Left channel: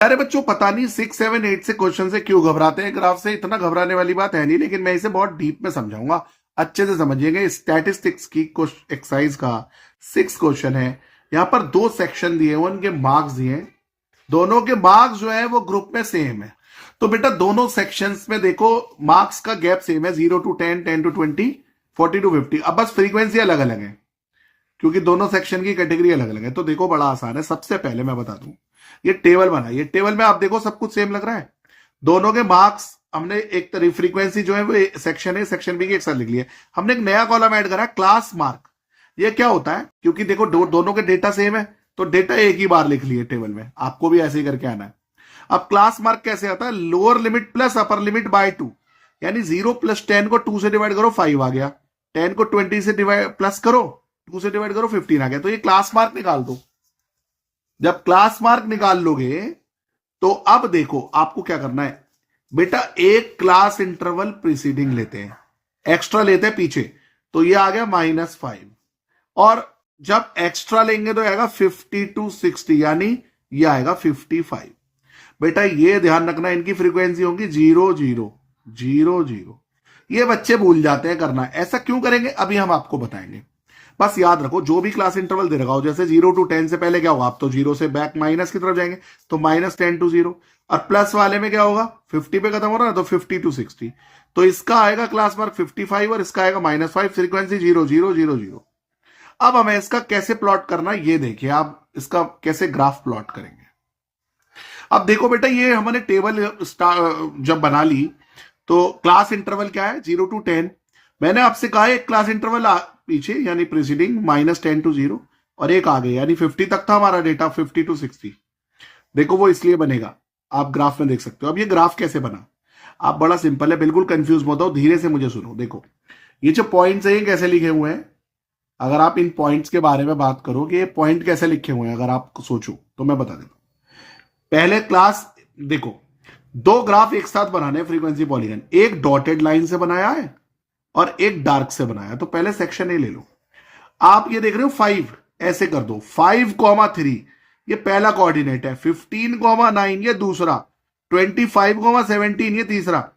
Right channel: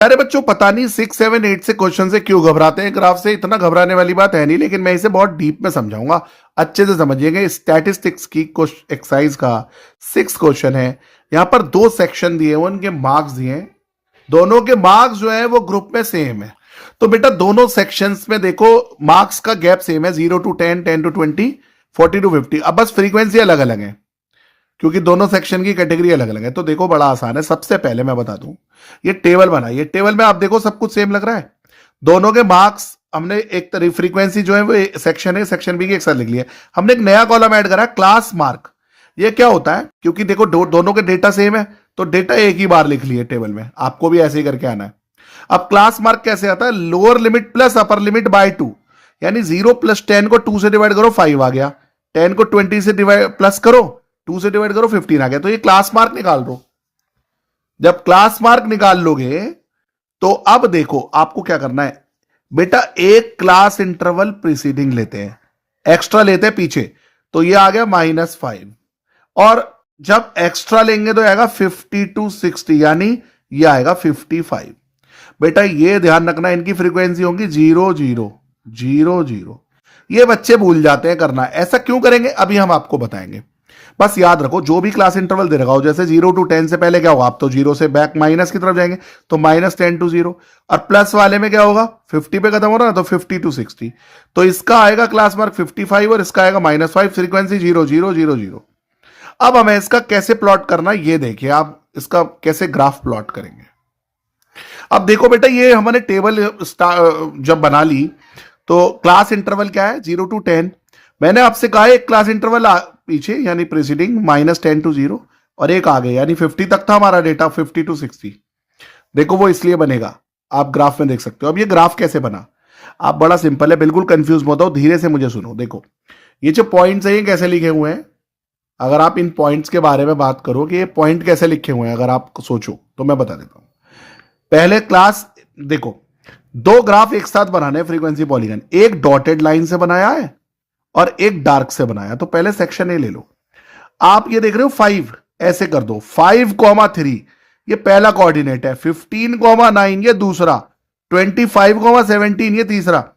अरे बच्चों पता नहीं 6, 7, 8 से क्वेश्चन से क्यों घबराते हैं। ग्राफ से इतना घबराने वाली बात है नहीं, लेकिन मैं इसे बहुत डीप में समझाऊंगा, अच्छे से समझिएगा। स्टैटिस्टिक्स की एक्सरसाइज का 6 क्वेश्चन है। यहाँ पर 2 सेक्शन दिए हैं, उनके मार्क्स दिए हैं। दोनों के मार्क्स जो है वो ग्रुप में सेम है। तो बेटा दोनों सेक्शंस में देखो मार्क्स का गैप सेम है, 0 to 10, 10 to 20, 40 to 50। अब बस फ्रीक्वेंसी अलग अलग है, क्योंकि दोनों सेक्शन की कैटेगरी अलग अलग है। तो देखो बड़ा आसान है। सबसे पहले मैं बता दूं, ये टेबल बना, ये टेबल में आप देखो सब कुछ सेम लग रहा है। दोनों के मार्क्स हमने एक तरह फ्रीक्वेंसी जो है वो सेक्शन है, सेक्शन बी की एक साथ लिख लिया। हमने एक नया कॉलम ऐड करा, क्लास मार्क। ये क्या होता है, क्योंकि देखो दोनों के डेटा सेम है, तो डेटा एक ही बार लिख लिए टेबल में। आपको भी ऐसे ही करके आना है। अब क्लास मार्क कैसे आता है, lower limit plus upper limit by 2, यानी 0 + 10 को 2 से डिवाइड करो 5 आ गया, 10 को 20 से डिवाइड प्लस करो 2 से डिवाइड करो 15 आ गया। तो ये क्लास मार्क निकाल दो। जब क्लास मार्क निकाल लोगे तो अब देखो आपको क्या करना है बेटा, एक क्लास इंटरवल प्रीसीडिंग लेते हैं, एक्स्ट्रा लेते हैं पीछे, तो ये आ गया -5। और जब एक्स्ट्रा लेंगे तो आएगा 50 to 60, यानी ये आएगा 55। बेटा ये ध्यान रखना, इनकी फ्रीक्वेंसी होंगी 0 0 0 0। ये बच्चे भूल जाते हैं करना। ऐसा क्यों करेंगे अभी हम आपको बताएंगे। बस याद रखो, जो भी क्लास इंटरवल दे रखा हो, जैसे 0 to 10 से पहले क्या होगा, आप तो 0 से बैक माइनस की तरफ जाएंगे, तो -10 to 0। और प्लस वाले में क्या होगा, 50 पे खत्म हो रहा है, तो 50 to 60। तो इसका आएगा क्लास मार्क 55 और इसका आएगा -5, फ्रीक्वेंसी 0 0 0 0। अब हमें इसका कैसे प्लॉट करना है ये देखिए, आप इसका कैसे ग्राफ प्लॉट करेंगे। अब देखो बेटा, ये हमने टेबल जब बना ली, तो क्लास इंटरवल क्या है, 0 to 10। मैंने आपसे कहा एक क्लास इंटरवल पीछे यानी प्रीसीडिंग -10 to 0, और एक आगे यानी 50 तक था हमारा डेटा, 50 to 60। देखो वो इसलिए बनेगा, आप ग्राफ में देख सकते हो। अब ये ग्राफ कैसे बना, आप बड़ा सिंपल है, बिल्कुल कंफ्यूज मत हो, धीरे से मुझे सुनो। देखो ये जो पॉइंट्स है ये कैसे लिखे हुए हैं, अगर आप इन पॉइंट्स के बारे में बात करो कि ये पॉइंट कैसे लिखे हुए हैं, अगर आप सोचो तो मैं बता देता हूं। पहले क्लास देखो, 2 ग्राफ एक साथ बनाने फ्रीक्वेंसी पॉलीगन, एक डॉटेड लाइन से बनाया है और एक डार्क से बनाया। तो पहले सेक्शन ए ले लो। आप ये देख रहे हो 5, ऐसे कर दो 5,3 ये पहला कोऑर्डिनेट है, 15,9 ये दूसरा, 25,17 ये तीसरा।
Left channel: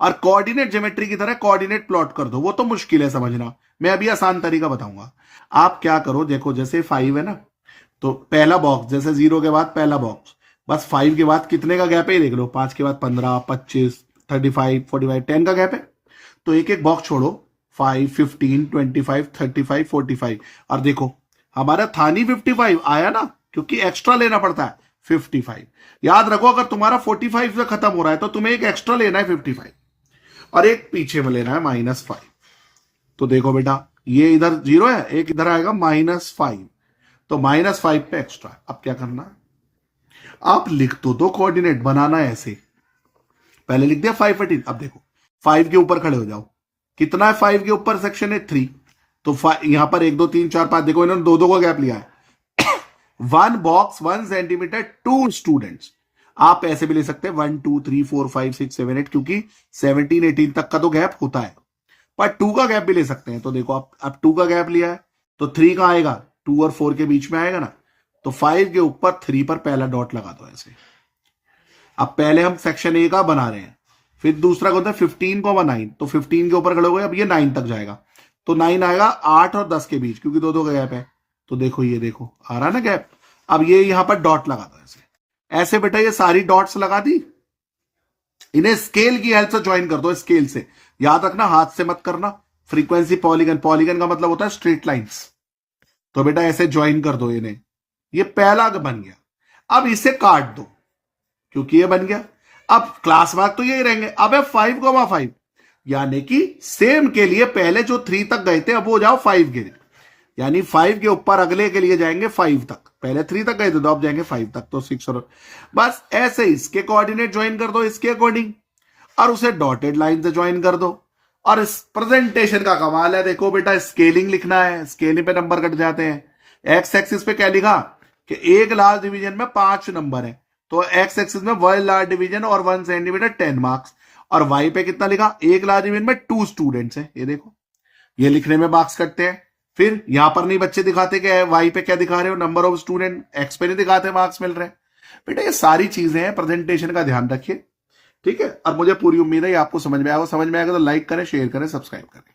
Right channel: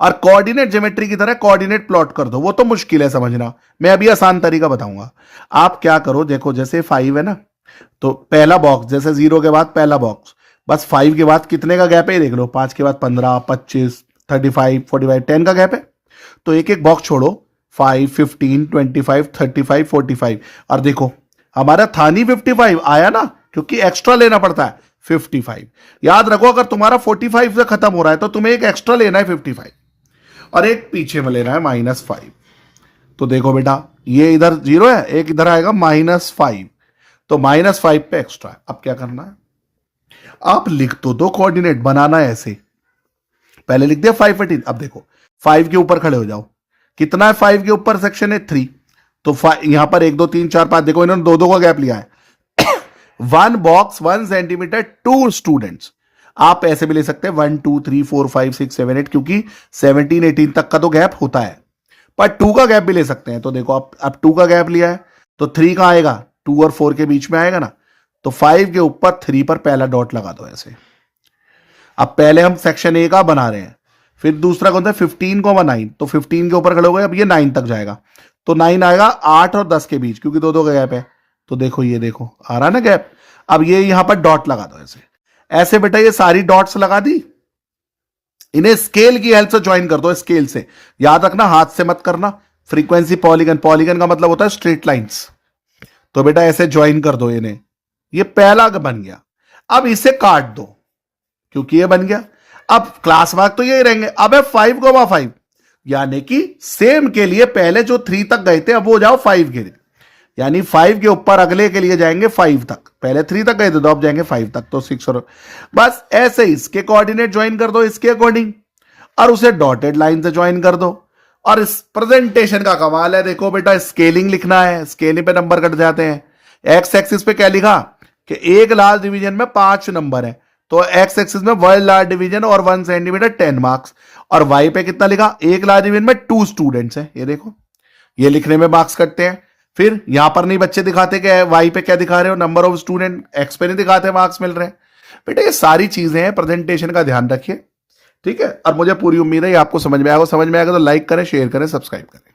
और कोऑर्डिनेट ज्योमेट्री की तरह कोऑर्डिनेट प्लॉट कर दो, वो तो मुश्किल है समझना, मैं अभी आसान तरीका बताऊंगा। आप क्या करो, देखो जैसे 5 है ना, तो पहला बॉक्स जैसे 0 के बाद पहला बॉक्स, बस 5 के बाद कितने का गैप है ये देख लो, 5 के बाद 15, 25, 35, 45, 10 का गैप है। तो एक एक बॉक्स छोड़ो, 5, 15, 25, 35, 45। और देखो हमारा था नहीं 55 आया ना, क्योंकि एक्स्ट्रा लेना पड़ता है 55। याद रखो अगर तुम्हारा 45 से खत्म हो रहा है तो तुम्हें एक एक्स्ट्रा लेना है 55, और एक पीछे में लेना है -5। तो देखो बेटा ये इधर 0 है, एक इधर आएगा -5, तो -5 पे एक्स्ट्रा। अब क्या करना है, आप लिख तो दो, कोऑर्डिनेट बनाना है ऐसे। पहले लिख दिया 518। अब देखो 5 के ऊपर खड़े हो जाओ, कितना है 5 के ऊपर, सेक्शन है 3। तो यहां पर 1 2 3 4 5, देखो इन्होंने 2 2 का गैप लिया है। 1 बॉक्स 1 सेंटीमीटर 2 स्टूडेंट्स। आप ऐसे भी ले सकते हैं 1 2 3 4 5 6 7 8, क्योंकि 17 18 तक का तो गैप होता है, पर 2 का गैप भी ले सकते हैं। तो देखो अब 2 का गैप लिया है, तो 3 का आएगा, 2 और 4 के बीच में आएगा ना, तो 5 के ऊपर 3 पर पहला डॉट लगा दो ऐसे। अब पहले हम सेक्शन ए का बना रहे हैं, फिर दूसरा कौन सा 15,9, तो 15 के ऊपर खड़े हो गए, अब ये 9 तक जाएगा, तो 9 आएगा 8 और 10 के बीच, क्योंकि 2 2 का गैप है। तो देखो ये देखो आ रहा ना गैप। अब ये यहां पर डॉट लगा दो ऐसे। ऐसे बेटा ये सारी डॉट्स लगा दी, इन्हें स्केल की हेल्प से ज्वाइन कर दो, स्केल से। याद रखना हाथ से मत करना, फ्रीक्वेंसी पॉलीगन, पॉलीगन का मतलब होता है स्ट्रेट लाइंस। तो बेटा ऐसे ज्वाइन कर दो इन्हें, ये पहला बन गया। अब इसे काट दो, क्योंकि ये बन गया। अब क्लास मार्क तो यही रहेंगे। अब है 5,5, यानी कि सेम के लिए पहले जो 3 तक गए थे अब वो जाओ 5 के लिए, यानी 5 के ऊपर अगले के लिए जाएंगे 5 तक। पहले 3 तक गए थे तो अब जाएंगे 5 तक, तो 6 और बस ऐसे इसके कोऑर्डिनेट ज्वाइन कर दो इसके अकॉर्डिंग, और उसे डॉटेड लाइन से ज्वाइन कर दो। और इस प्रेजेंटेशन का कमाल है, देखो बेटा स्केलिंग लिखना है, स्केलिंग पे नंबर कट जाते हैं। एक्स एक्सिस पे क्या लिखा कि एक लार्ज डिवीजन में 5 नंबर है, तो एक्स एक्सिस में 1 लार्ज डिवीजन और 1 सेंटीमीटर 10 मार्क्स। और वाई पे कितना लिखा, एक लार्ज डिवीजन में 2 स्टूडेंट्स है। ये देखो ये लिखने में मार्क्स कटते हैं। फिर यहां पर नहीं बच्चे दिखाते कि वाई पे क्या दिखा रहे हो, नंबर ऑफ स्टूडेंट, एक्स पे नहीं दिखाते मार्क्स मिल रहे हैं। बेटा ये सारी चीजें हैं, प्रेजेंटेशन का ध्यान रखिए। ठीक है, और मुझे पूरी उम्मीद है ये आपको समझ में आएगा। समझ में आएगा तो लाइक करें, शेयर करें, सब्सक्राइब करें।